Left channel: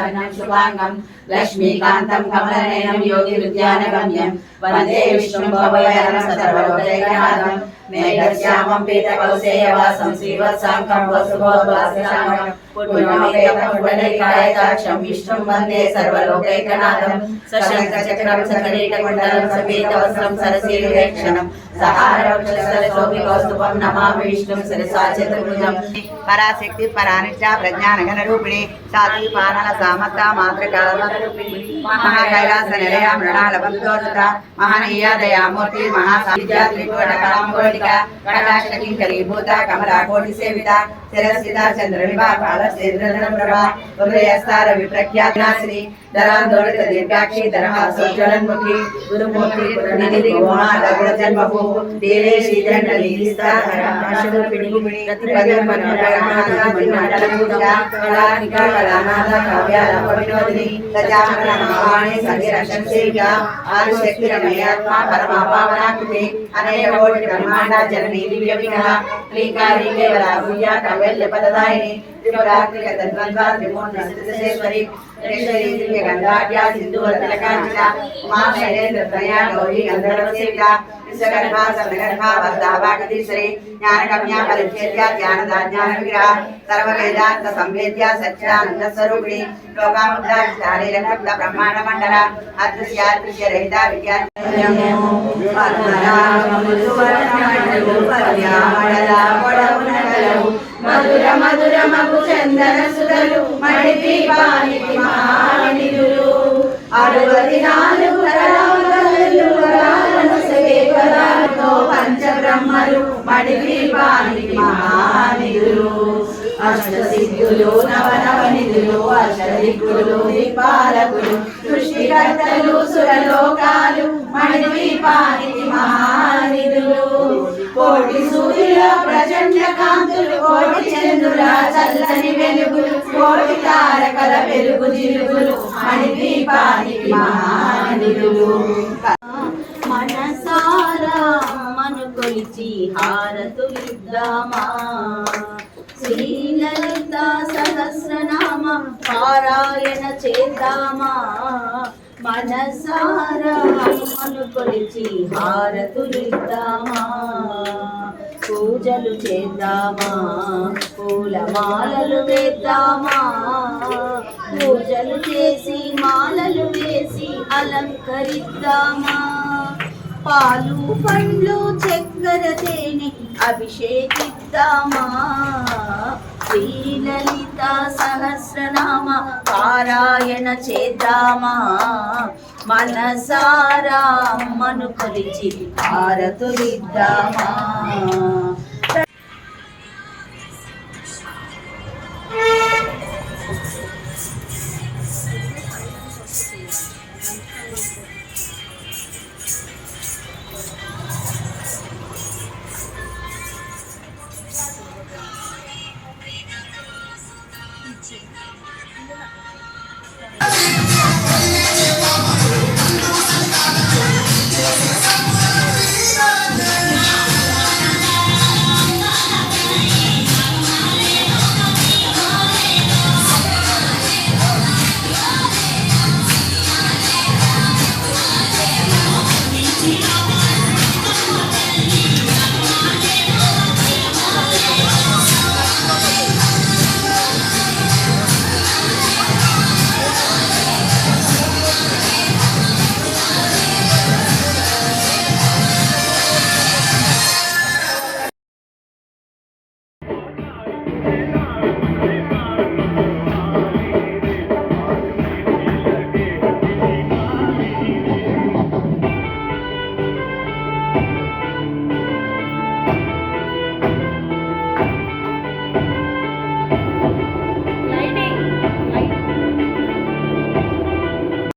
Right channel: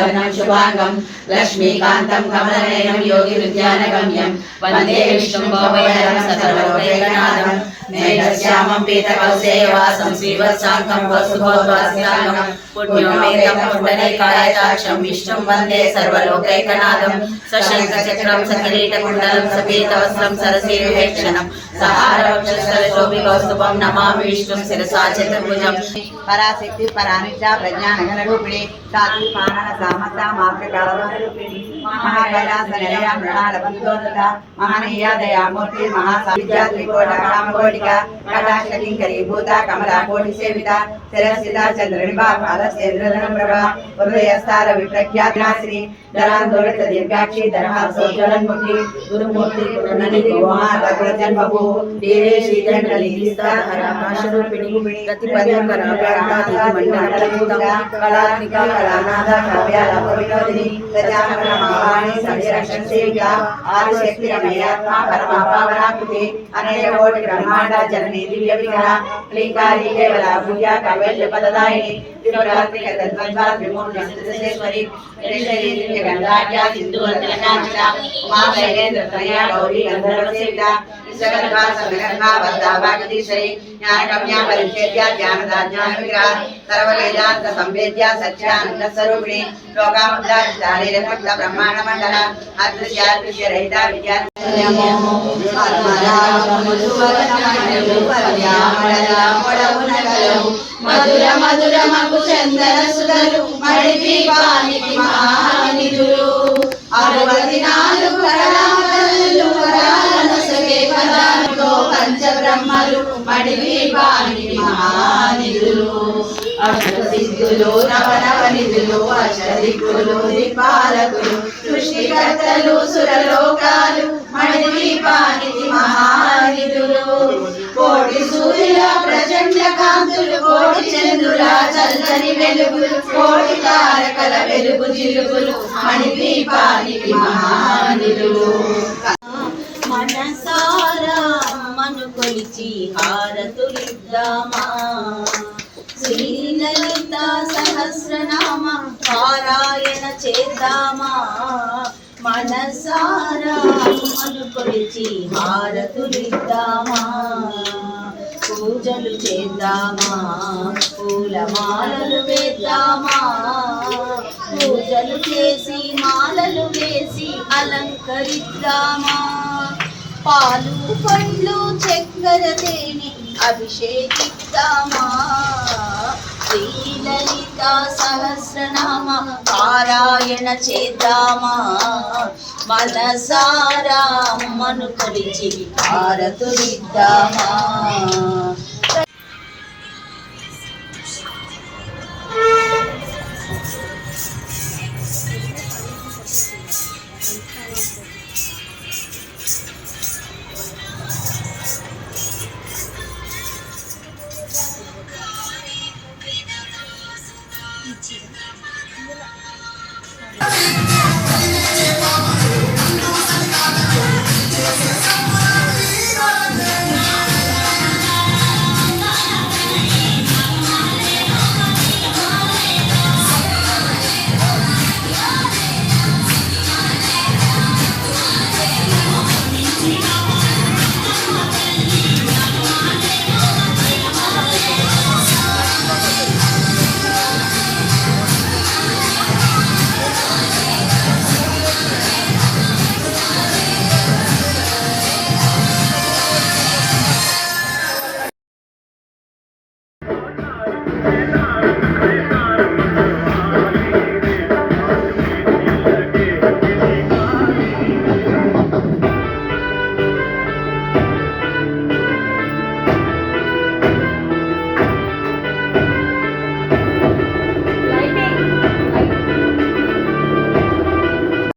శుభవర్ణం శుభాంగం లక్ష్మీకాంతం కమలనయనం యోగి విద్యానగమ్యం వందే విష్ణుం భవభయహరం సర్వలోకైకనాథం మేఘశ్యామం పీతకౌసేయవాసం శ్రీవత్సాంకం వసుభోద్వాసితాంగం పుణ్యోమేకం పుండరీకాయతాక్షం విష్ణుం వందే సర్వలోకైకనాథం సశంఖచక్రం సకిరీటకుండలం సపీతవస్త్రం సరసీవివేక్షణం సహారవక్షస్థలశోభికౌస్తుభం నమామి విష్ణుం శిరసా చతుర్భుజం పరాశక్తి పరానిష్ట ప్రజ్ఞానఘన రూపిణి సాత్వి పానన సామత మాతృకారూపిణి మహాకైలాస నిలయ మృణాల బంధోన్నత మహనీయ దయామూర్తి మహాసావిద్యా త్రికోటకళంకోటిక కటాక్ష కింకరీ భూత కమలా కోటి సేవిత శిరస్థిత చంద్రనిభా పాలసేంద్రధనప్రభా హృదయస్థార విప్రఖ్యాశ్రీ ధరాందోళిత దీర్ఘాక్షి ధరహాసోజ్వలన్ముఖి గురుమూర్తి పురనిధి గోమాత గుణజన్మభూ దేవే శ్రీదండలీస్తారూపిణి గతిపది మనోరమాధా కళానికా కళానాథ కావ్యాల వినోదిని సజామణి సంరక్షణ సేవిక ఆదిశక్తి రమయాత్మ పరమాపావనాకృతి అనయ కోటి బ్రహ్మాండ జననీ దివ్య విగ్రహ శ్రీకారి కేవల భూయ కవల్య పదదాయిని త్రిపురాత్రిక తద్వంద్వా త్రిమూర్ణేశ్వరి గంగాఢ్యా సింధు తిలకాంచిత ఉమా శైలేంద్ర ప్రణయా గౌరీ గంధర్వ సేవిత విశ్వగర్భా సర్వగర్భా వరదావాగదీశ్వరి జ్ఞానగమ్యా పరిచ్ఛేద్యా జ్ఞానదాజ్ఞాన విగ్రహ సర్వవేదాంత సంవేద్య సత్యానంద స్వరూపిణి లోకాముద్రారిత బ్రహ్మాండ మండల అదృశ్యాదృశ్య రహిత విద్యా మధుర మధుర మగు చందన సుధలు మణి దీపానికి మహానిధులు 64 కళామణులు వరాలనసగే పదాలతో పంచబ్రహ్మలు మణి దీపానికి మహానిధులు అష్టసిద్ధులు నవనవనిధులు అష్టదిక్కులు దీపాలకులు సృష్టికర్తలు సురలోకాలు మణి దీపానికి మహానిధులు కోటి సూర్యుల ప్రచండ కాంతులు కోటి చంద్రుల చల్లని వెలుగులు కోటి తారకల వెలుగు జిలుగులు మణి దీపానికి మహానిధులు మనసారా మను కొలిచి హారతులిద్దామా శ్రీలలిత సహస్రనామ పారాయణ చేద్దామా మనసారా మను కొలిచి హారతులిద్దామా పూజలు చేద్దామా పూలమాలలు వేద్దామా పూజలు చేసి మాలలు వేసి అలంకరిద్దామా పాలు పండ్లు చక్కెర తేనె అభిషేకిద్దామా శ్రీలలిత సహస్రనామ పారాయణ చేద్దామా మనసారా మను కొలిచి హారతులిద్దామా